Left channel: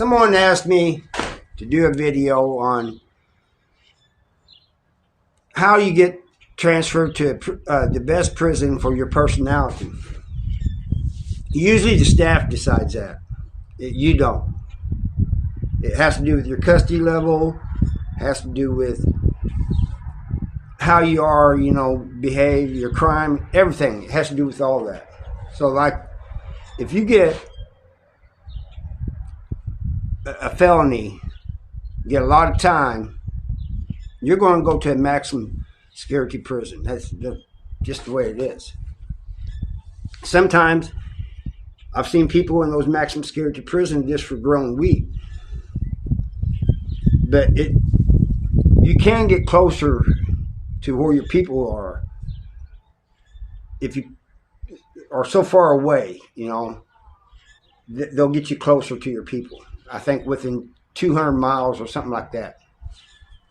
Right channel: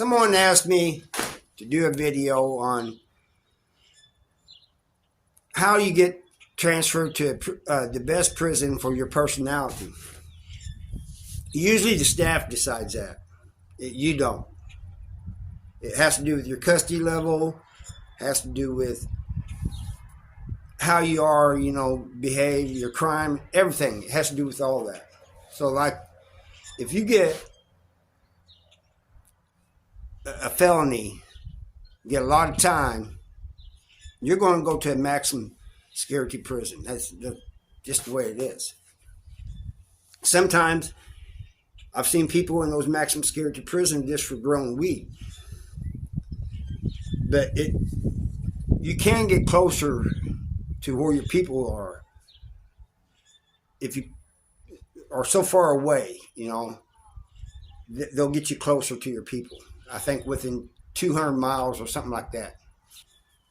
Someone asked me to do a video on how you get transferred to the best prison for your personality. Usually the staff decides that. You don't. It has to do with your custody level. It has to do with how you are, behave, your crime, everything. It has to do with all that. So, like, if you get a felony, you get a lot of time, you're going to go to a maximum security prison. That's just the way it is. Sometimes I've seen people in those maximum security prisons just for growing weed. But you can get closer to where your people are if you are so far away, they'll get you closer to your people. I think within 200 miles or something like that.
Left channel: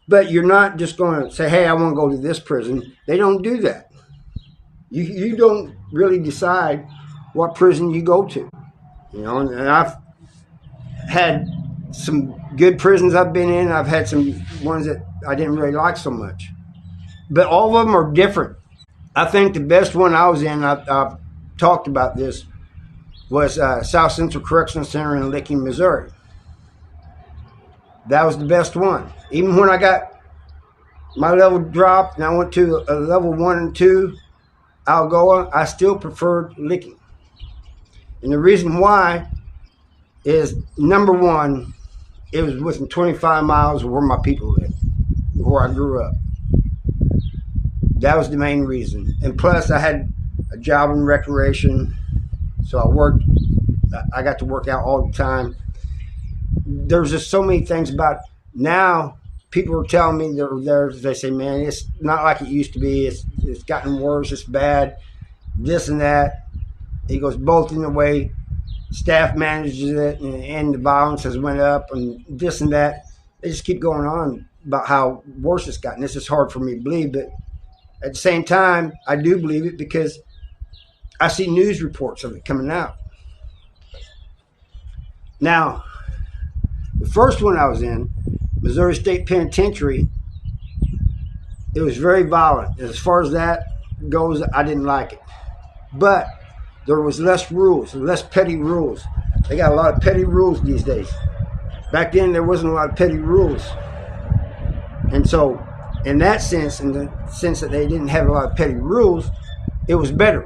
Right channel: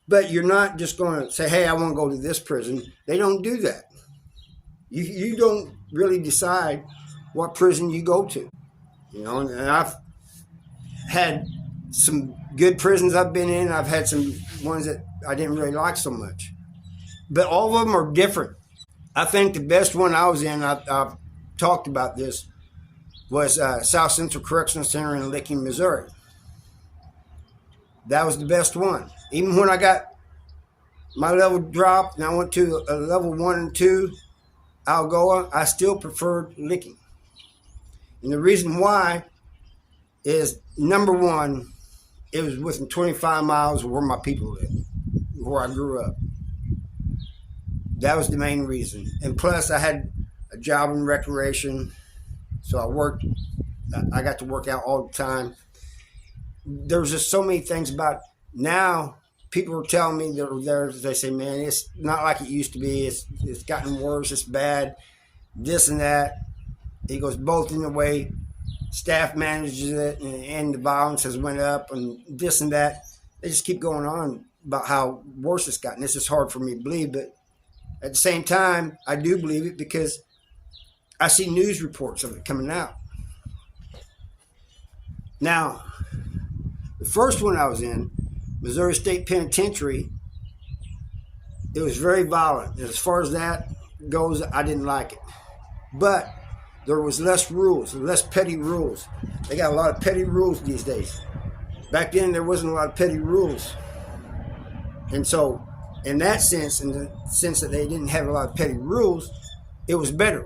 But you're not just going to say, hey, I want to go to this prison. They don't do that. You don't really decide what prison you go to. And I've had some good prisons I've been in. I've had some ones that I didn't really like so much. But all of them are different. I think the best one I was in, I've talked about this, was South Central Correctional Center in Licking, Missouri. That was the best one. Even when I got my level dropped and I went to a level 1 and 2, Algoa, I still preferred Licking. And the reason why is, number one, it was within 25 miles of where my people lived, where I grew up. That was the main reason. And plus, I had a job in recreation, so I got to work out all the time. There's just so many things about it. Now, people are telling me they say, man, it's not like it used to be. It's gotten worse. It's bad. This and that. He goes, both in the way staff manages it and the violence has went up and this and that. They just keep going on about how worse it's gotten. This is hard for me to believe, but at the same time, I do believe it because I see news reports of it coming out. Now, the first one I was in, Missouri State Penitentiary, it was very violent. As far as that goes, I didn't like it. But there was less rules, less petty rules. They got a lot of petty rules these days. Back then, there wasn't a lot of petty rules. And so, in that sense, in the sense that they didn't have a lot of petty rules, it was better.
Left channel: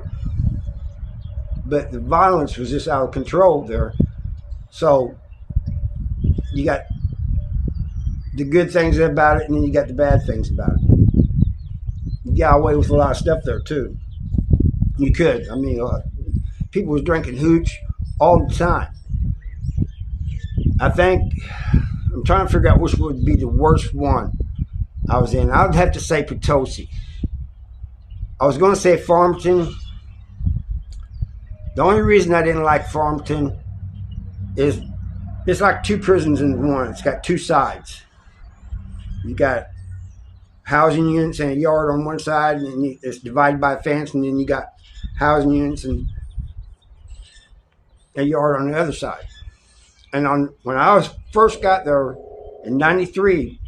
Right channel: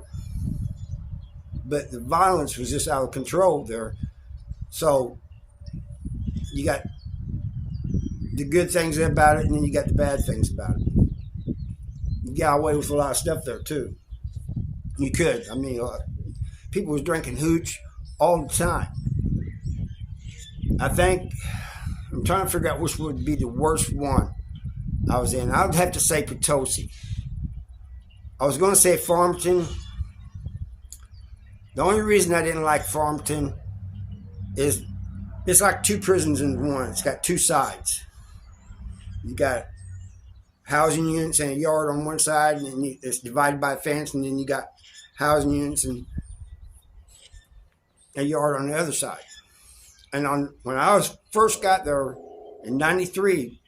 But the violence was just out of control there. So, you got the good things about it, and then you got the bad things about it. You got away with a lot of stuff there, too. You could. I mean, people was drinking hooch all the time. I'm trying to figure out which would be the worst one I was in. I would have to say Potosi. I was going to say Farmington. The only reason I didn't like Farmington is it's like two prisons in one. It's got two sides. You got housing units and a yard on one side, and then it's divided by a fence, and then you got housing units and a yard on the other side. And when I first got there in 93,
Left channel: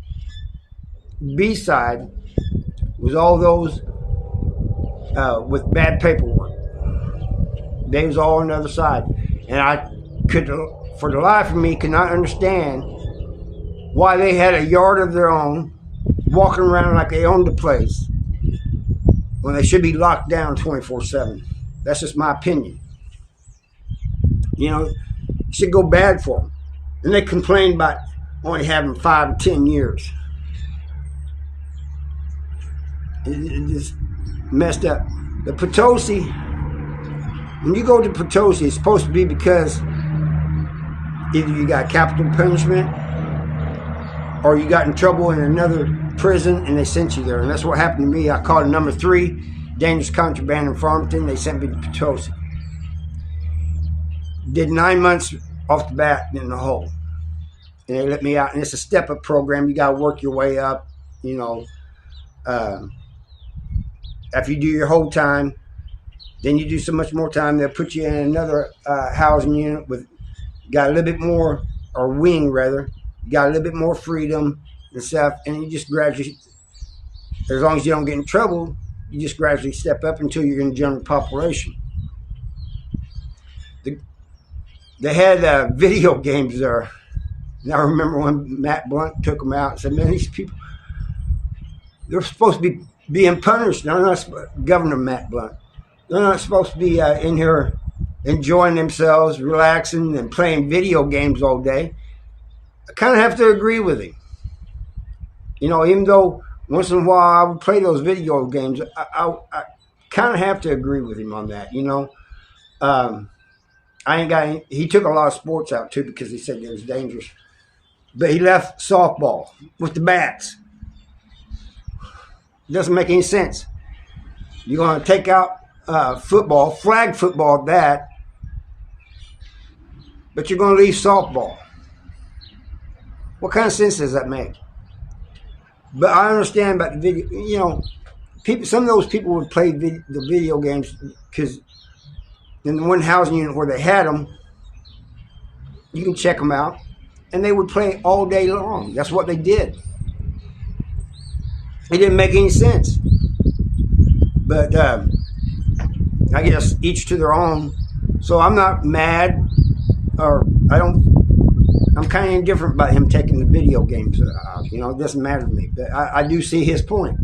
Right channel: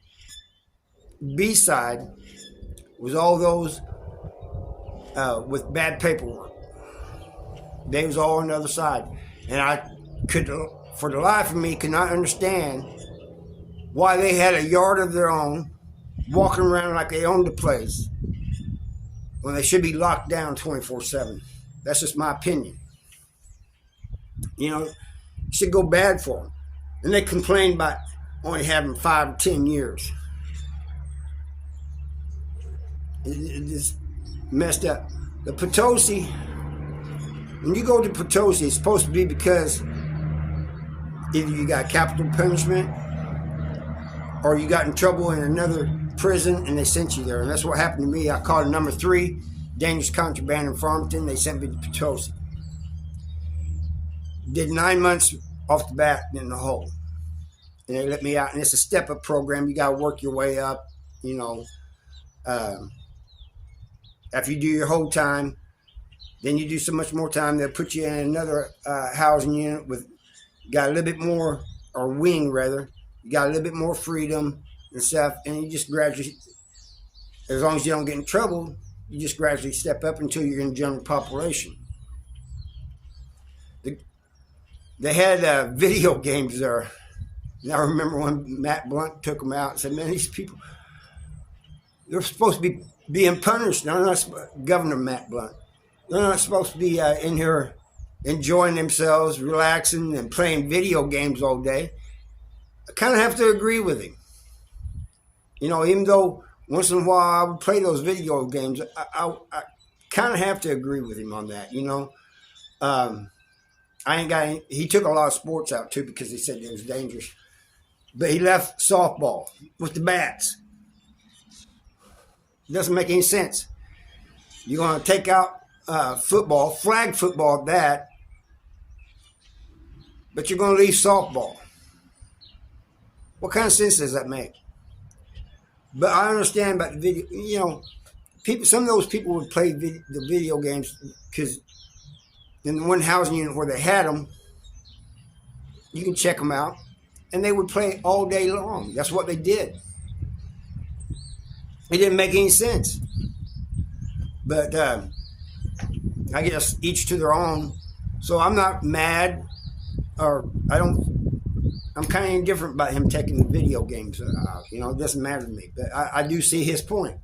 B side was all those with bad paperwork. They was all on the other side. And I could, for the life of me, could not understand why they had a yard of their own, walking around like they owned the place, when they should be locked down 24/7. That's just my opinion. It should go bad for them. And they complain about only having 5 or 10 years. It just messed up. The Potosi, when you go to Potosi, it's supposed to be because either you got capital punishment or you got in trouble in another prison and they sent you there. And that's what happened to me. I caught a number 3, dangerous contraband in Farmington. They sent me to Potosi. Did 9 months off the bat in the hole. And they let me out. And it's a step-up program. You got to work your way up, After you do your whole time, then you do so much more time, they'll put you in another housing unit with got a little bit more or wing rather, you got a little bit more freedom and stuff, and you just gradually, as long as you don't get in trouble, you just gradually step up until you're in the general population. They had video games there. And I remember when Matt Blunt took them out and said, man, these people, they're supposed to be being punished. No, not Governor Matt Blunt. They're not supposed to be in here enjoying themselves, relaxing, and playing video games all day. I kind of have to agree with him. You know, even though once in a while I would play those video games, I kind of have to agree with him on that, you know. He took a lot of sports out too because he said it was dangerous. But he left softball with the bats. Doesn't make any sense. You're going to take out football, flag football at that, but you're going to leave softball. What kind of sense does that make? But I understand about the video. You know, some of those people would play the video games because in the one housing unit where they had them, you can check them out, and they would play all day long. That's what they did. It didn't make any sense. But I guess each to their own. So I'm not mad, or I'm kind of indifferent about him taking the video games out. You know, it doesn't matter to me. But I do see his point.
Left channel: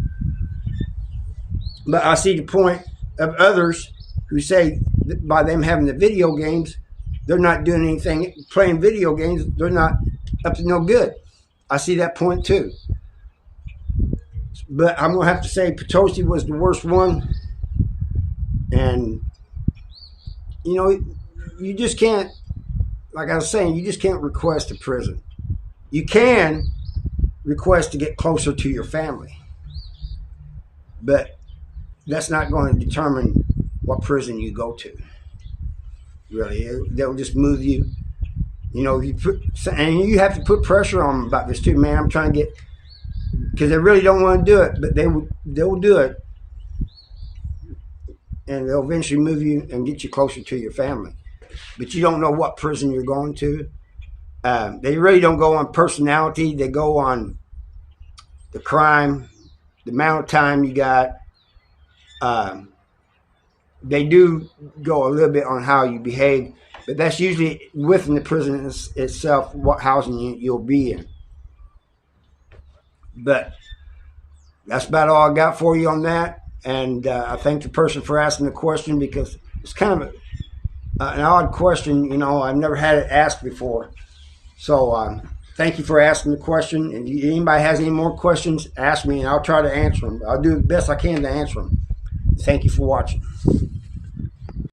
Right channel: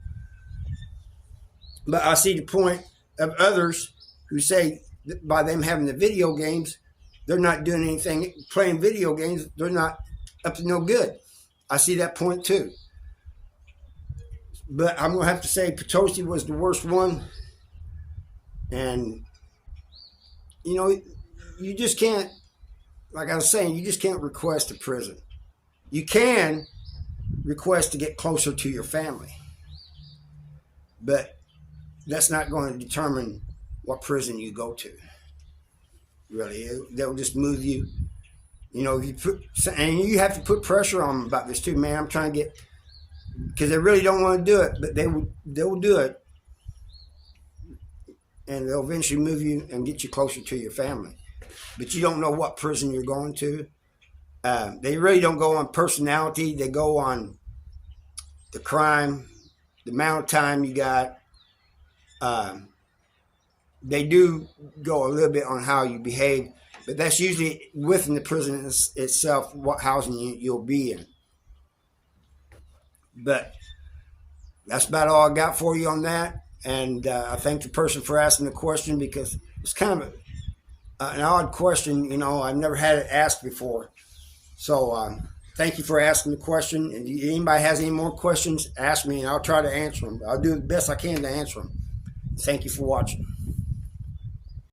But I see the point of others who say that by them having the video games, they're not doing anything, playing video games, they're not up to no good. I see that point too. But I'm going to have to say Potosi was the worst one. And, you know, you just can't, like I was saying, you just can't request a prison. You can request to get closer to your family. But that's not going to determine what prison you go to. Really, they'll just move you. You know, and you have to put pressure on them about this too, man. I'm trying to get, because they really don't want to do it, but they'll do it, and they'll eventually move you and get you closer to your family. But you don't know what prison you're going to. They really don't go on personality. They go on the crime, the amount of time you got. They do go a little bit on how you behave, but that's usually within the prison itself, what housing unit you'll be in. But that's about all I got for you on that. And I thank the person for asking the question, because it's kind of an odd question. You know, I've never had it asked before. So thank you for asking the question. And if anybody has any more questions, ask me and I'll try to answer them. I'll do the best I can to answer them. Thank you for watching.